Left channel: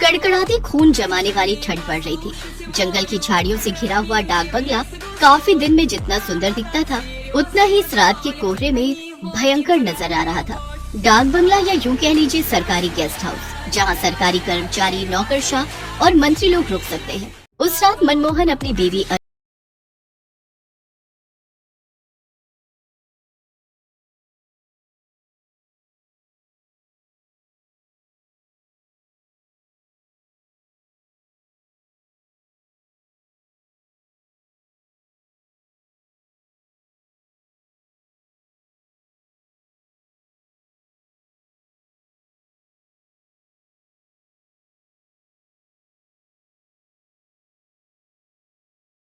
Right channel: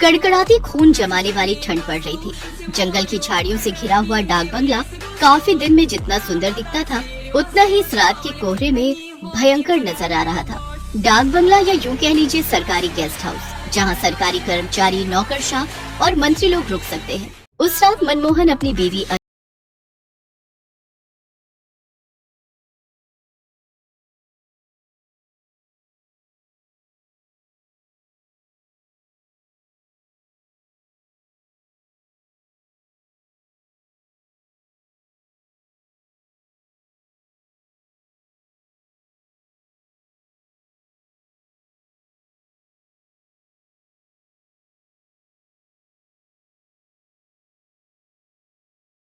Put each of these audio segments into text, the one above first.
कड़कड़ाती खून जमाने वाली ठंड पड़ रही थी। जंगल की झाड़ियों से घिरा हुआ डाक बंगला काफी दिन में जितना सुंदर दिखता था, उतना ही इस रात के कोहरे में भयंकर नजर आ रहा था। डाक बंगला या यूं कह लीजिए सरकारी गेस्ट हाउस, जहां सरकारी कर्मचारी, नौकरशाह और मंत्री लोग रुक सकते हैं। उस रात मनमोहन अपनी बीवी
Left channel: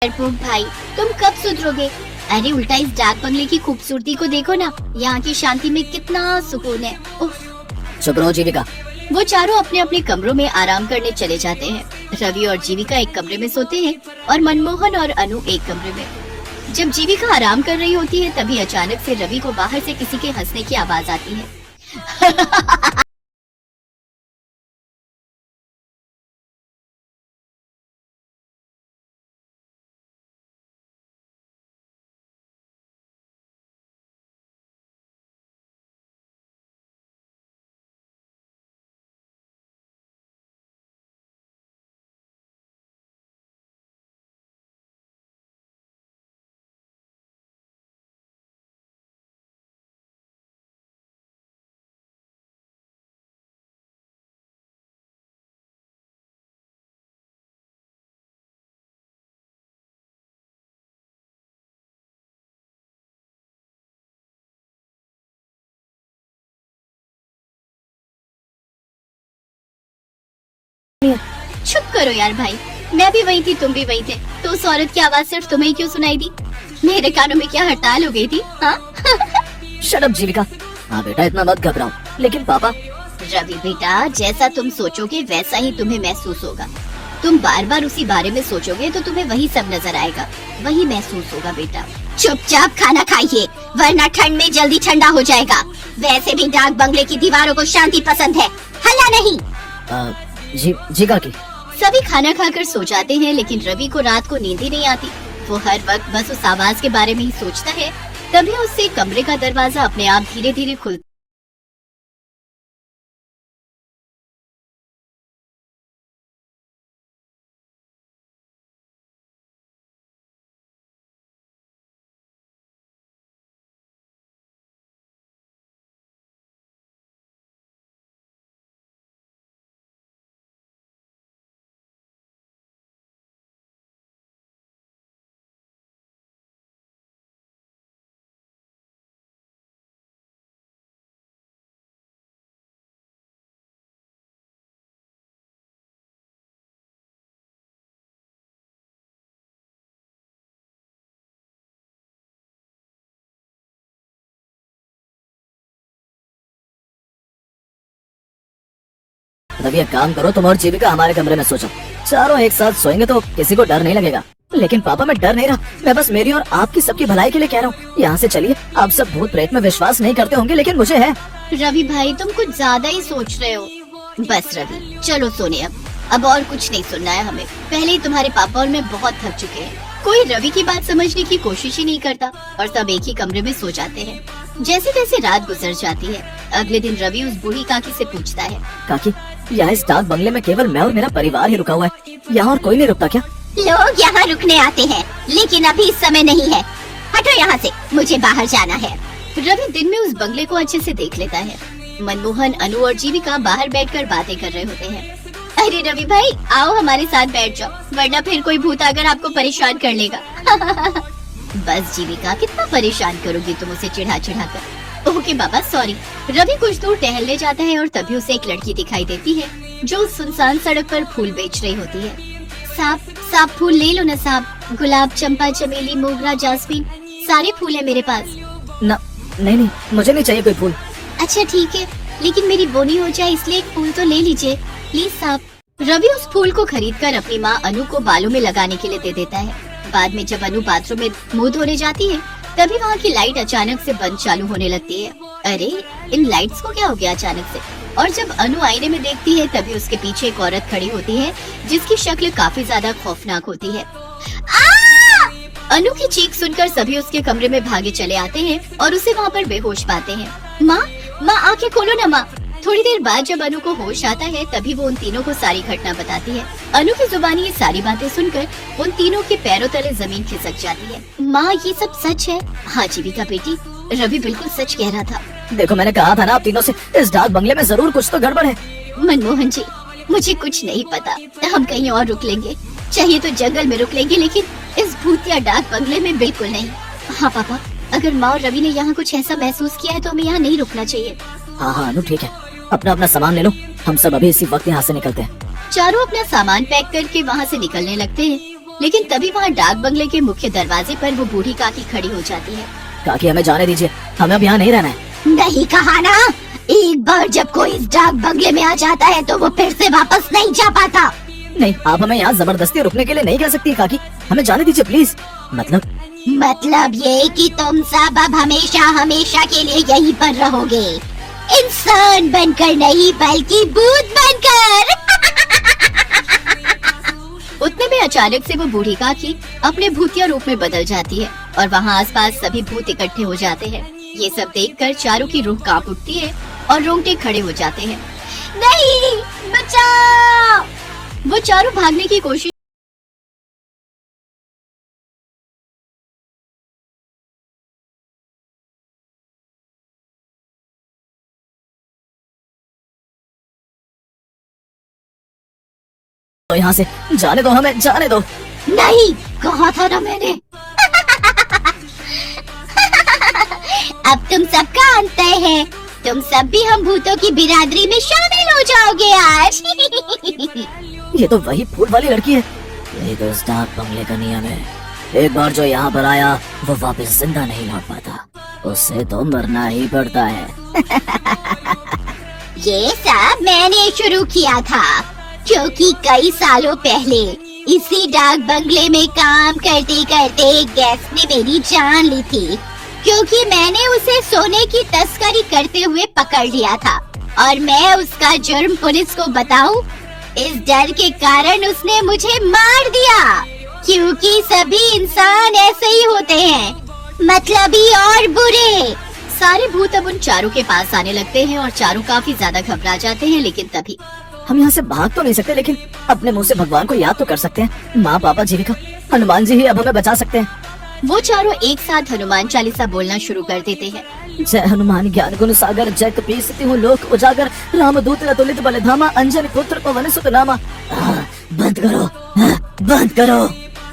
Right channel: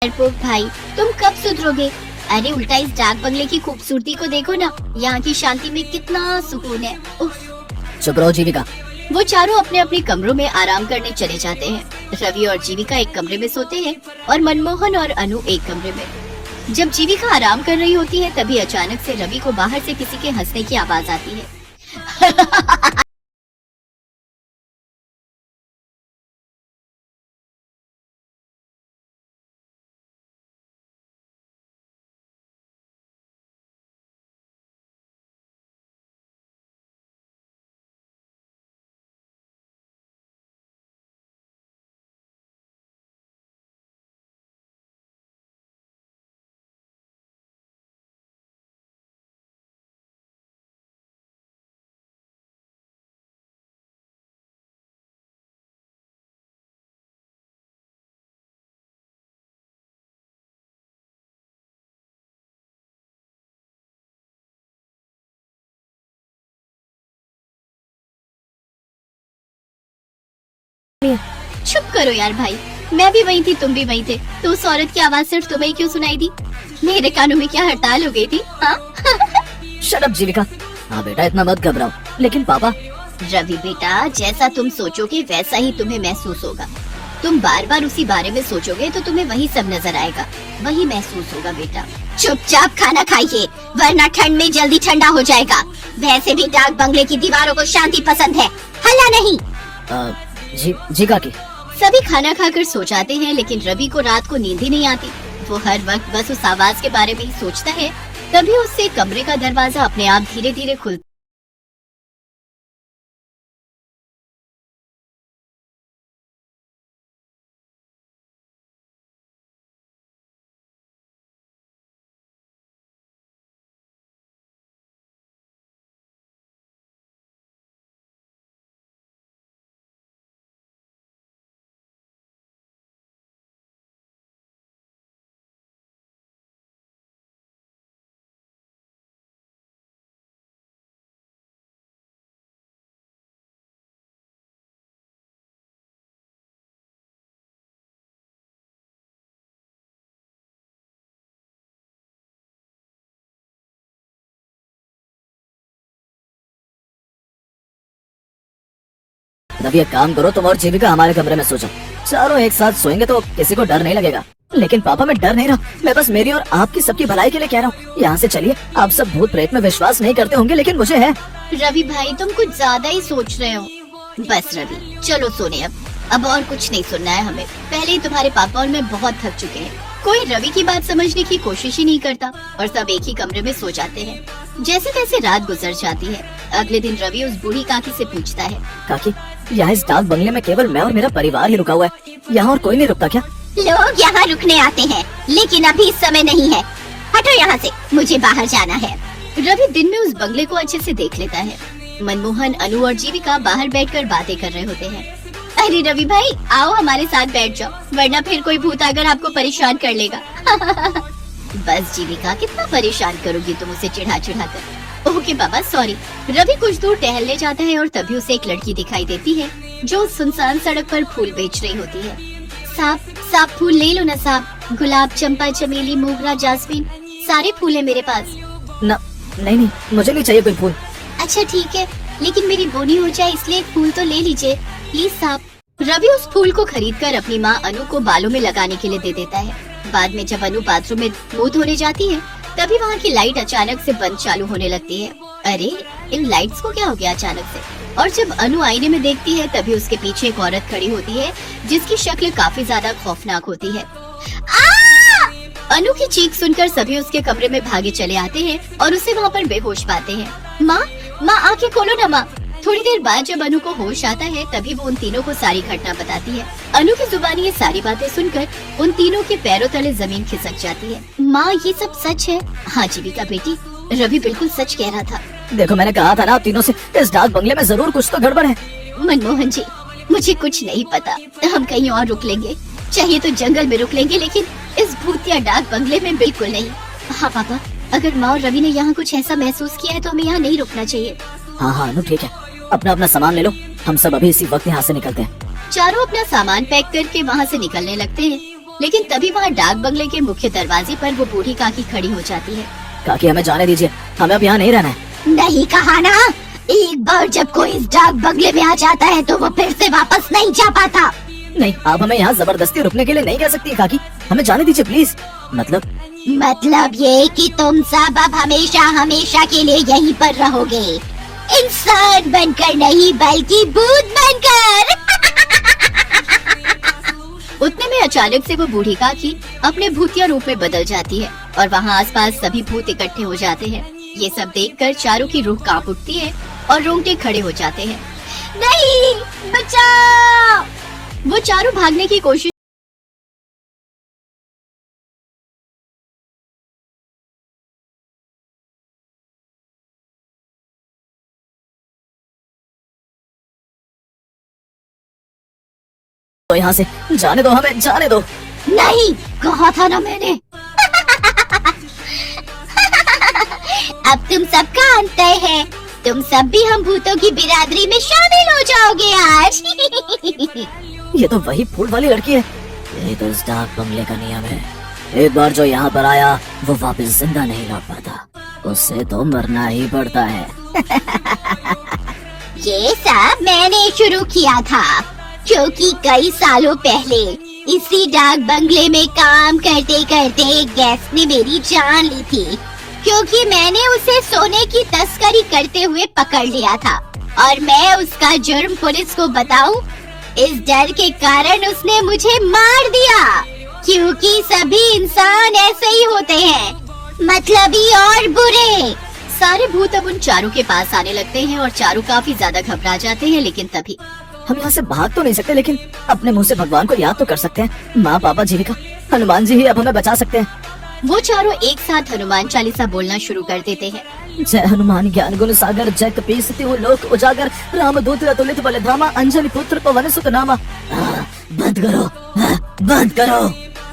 डरपोक भाई, तुम कब सुधरोगे? अरे उल्टा इस डाक बंगले की खूबसूरती को देखो ना, यहाँ की शांति में कितना सुकून है। उफ। चुप रहो जीविका। वो चारों अपने अपने कमरों में आराम करने चले जाते हैं। रवि और जीविका एक कमरे में सोते हैं और मनमोहन और अनु एक कमरे में। जब जीविका आराम कर रही होती है, तभी अचानक से रवि को बाहर से किसी के हंसने की आवाज आती है। चुप करो यार भाई, मैं भी वही थी, तुम भी वही थे, तो उस औरत की आवाज सिर्फ तुम्हें क्यों सुनाई दी? मेरे कानों में क्या हड़ताल हो गई थी? हाँ? शट अप जीविका। हाँ बेटा, इतना मत घबराओ। लेकिन पापा। रवि बेटा, जैसा तुम सोचोगे वैसा ही तुम्हें महसूस होगा। तुम बार बार उसी बारे में सोचोगे तो तुम्हें वही सब नजर आएगा, वही महसूस होगा बेटा। चुपचाप खाना खाइए, वरना ठंड में जल्दी ठंडा हो जाएगा। वैसे भी डाक बंगले की दीवारों को शांति पसंद है, हल्ला नहीं। जी काकी। सभी खाना खाकर सो जाते हैं, लेकिन रवि को रात को नींद ही नहीं आती। वो हर वक्त बस उस आवाज के बारे में ही सोचता है। तभी उससे कमरे का दरवाजा अपने आप धीरे धीरे खुलता रवि, एक काम करो, तुम और जीविका हमारे कमरे में सो जाओ। चारों एक साथ सोएंगे तो किसी को डर नहीं लगेगा। लेकिन पापा, मैं डर नहीं रहा, मैं बस मेरी और आपकी सबकी भलाई के लिए कह रहा हूँ। यहाँ से चलिए। आप सब भूत प्रेत में विश्वास नहीं करते होंगे, लेकिन मुझे है। रवि भाई, तुम कुछ ज्यादा ही सोच रहे हो। बस रवि, चलो सोने अब और कुछ नहीं सुनना है हमें। पहले ही तुम्हारे पापा और मैं बहुत थक चुके हैं। कोई रवि की बात समझने की कोशिश ही नहीं करता और सब एक ही कमरे में सो जाते हैं। जैसे जैसे रात गुजर जाती है, अगले दिन रवि उस बूढ़ी काकी से पूछता है, काकी, यहाँ इस डाक बंगले में केवल मैं और मेरा परिवार ही रुका हुआ है, यहाँ और कोई नहीं रुकता क्या? लोग यहाँ रुकने आते हैं, लेकिन अभी इस समय नहीं है। हटो यहाँ से, मुझे बाहर जाना है। रवि दिन में उस बंगले को अच्छे से देख लेता है। मनमोहन, अनु और जीविका बाहर बैठकर बातें कर रहे होते हैं। अरे रवि भाई, आओ हमारे साथ बैठ जाओ, वरना फिर कोई भूत आकर आपको परेशान कर लेगा। बस जीविका, कितना परेशान करोगी तुम उसे चिढ़ा चिढ़ा कर। ओके बाबा, सॉरी। रवि कुछ दूर टहलने जाता है और तभी उसे एक लड़की दिखाई देती है जो सुनसान सड़क पर फूल बेच रही होती है। साहब फूल ले लो ना साहब, गुलाब, चंपा, चमेली, मोगरा, जासमीन, सारे फूल है मेरे पास। नहीं, मुझे नहीं चाहिए कोई फूल। अच्छा ठीक है, लेकिन मेरी बोनी हो जाए इसलिए एक फूल तो ले लीजिए प्लीज साहब। रवि उस फूल को खरीदकर अपनी माँ अनु को बालों में लगाने के लिए दे देता है। बाद में जब अनु बाथरूम में मुंह धोने जाती है, तभी वहाँ की लाइट अचानक से बंद चालू होने लगती है। अरे इन लाइट्स को क्या हो गया अचानक से? और जब अनु आईने में देखती है तभी उसके पीछे एक औरत खड़ी होती है जिसकी शक्ल काफी ज्यादा खौफनाक होती है। अनु की चीख सुनकर सभी उसके कमरे में भागे चले आते हैं और उसे वहाँ पर बेहोश पाते हैं। माँ माँ आंखें खोलो ना माँ। थोड़ी देर बाद जब अनु को होश आता है तभी वो उन तीनों को सारी घटना बताती है। अनु की जुबानी ये सारी बातें सुनकर उन तीनों के पैरों तले जमीन खिसक जाती है। माँ ये सब सच है? हाँ जीविका बेटी, रवि बिल्कुल सच कह रहा था। देखो मैंने कहा था ना आप तीनों से, इस डाक बंगले में जरूर कुछ तो गड़बड़ है। मनमोहन जी मुझे कुछ नहीं पता, हम कहीं और रुक लेंगे, चाहिए तो जंगल में रुक लेंगे, लेकिन इस भूतिया डाक बंगले में बिल्कुल नहीं। हाँ पापा, अगर माँ और रवि ने यहाँ कुछ ऐसा महसूस किया है तो हमें यहाँ नहीं रुकना चाहिए। हाँ अनु ठीक है, अपना अपना सामान ले लो, हम सब अभी इसी वक्त यहाँ से निकलते हैं। चारों अपना सामान पैक करके वहाँ से निकलने लगते हैं, लेकिन तभी वहाँ डाक बंगले के मुख्य दरवाजे पर वो बूढ़ी काकी खड़ी हो जाती है। काकी हमें जाने दीजिए, हमें अब यहाँ नहीं रहना है। नहीं कहा ना, एक बार जब कोई इस डाक बंगले में आ जाता है तो वो फिर से वापस नहीं जा पाता। नहीं, आप हमें यहाँ जबरदस्ती रुकने के लिए नहीं कह सकती काकी, हमें जाने दीजिए प्लीज। मतलब ये कि तुम सब अब हमेशा हमेशा के लिए यहीं पर रहोगे, इंसान बनकर नहीं बल्कि भूत बनकर। उतने में अचानक से वो बूढ़ी काकी अपने भूतिया रूप में बदल जाती है और वहाँ आसपास सभी भूत इकट्ठे हो जाते हैं। ये सब देखकर चारों की रूह कांप उठती है और रोंगटे खड़े हो जाते हैं। नहीं, बचाओ! वो चारों भागने की कोशिश तो यहाँ से जाने दो, हमें जाने दो। नहीं, कहा था ना मैंने। अब तुम सबका अंत तय है, तुम सब भी हम भूतों की बिरादरी में शामिल हो जाओगे आज। ये तो वही फूल वाली लड़की है। ये तो इस डाक बंगले का नियम है, एक बार जो यहाँ पर आया वो वापस जिंदा नहीं लौट पाता, उससे तो मरना ही पड़ता है। ये सब मैंने शुरू किया था, क्योंकि कई सालों पहले इसी डाक बंगले में काम करते करते गैस ने मेरी जान ली थी, क्योंकि मैंने उसे सोने की तस्करी करते हुए पकड़ लिया था और मैं उसका जुर्म पुलिस को बताऊं, इस डर के कारण उसने मुझे मार दिया, क्योंकि सभी इंसान ऐसे ही होते हैं, मतलबी और बुरे। सारे भूत अब उन चारों के पास आने लगते हैं और चारों काफी ज्यादा घबरा जाते हैं, लेकिन तभी हम यहाँ से भाग तो नहीं सकते, लेकिन अपने मुंह से भगवान को याद तो कर सकते हैं। माँ, पापा, जीविका, हनुमान जी ही अब हमें बचा सकते हैं। वो चारों एक साथ हनुमान चालीसा बोलना शुरू कर देते हैं। जय हनुमान ज्ञान गुण सागर, जय कपीस तिहु लोक उजागर, रामदूत अतुलित बलधामा, अंजनी पुत्र पवन सुत नामा। बंद करो, बंद करो।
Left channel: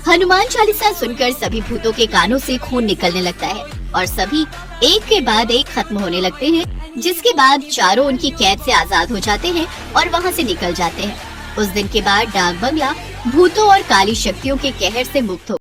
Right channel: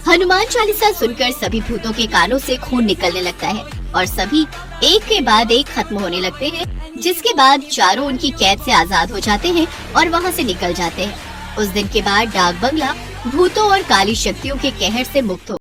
हनुमान चालीसा सुनकर सभी भूतों के कानों से खून निकलने लगता है और सभी एक के बाद एक खत्म होने लगते हैं, जिसके बाद चारों उनकी कैद से आजाद हो जाते हैं और वहाँ से निकल जाते हैं। उस दिन के बाद डाक बंगला भूतों और काली शक्तियों के कहर से मुक्त हो